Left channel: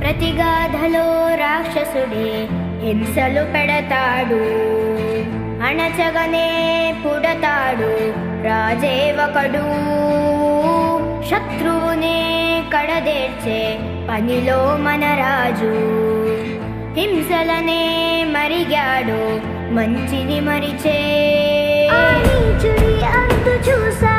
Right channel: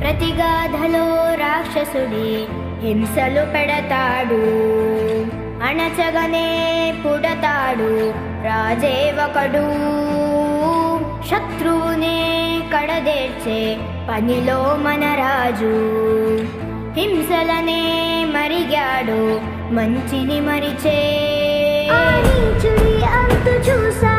ప్రతిగాధలో రాక్షసుడే హింసలు పెడతాడు, అణచగనే పుడతాడు రాజే ఒకడు. శత్రువునే కడదేర్చే పనిలో మన రాజు, హింసలనే మరిగాడు మంచిని మరిచే. ఆ నీచుడి అంతు చూసా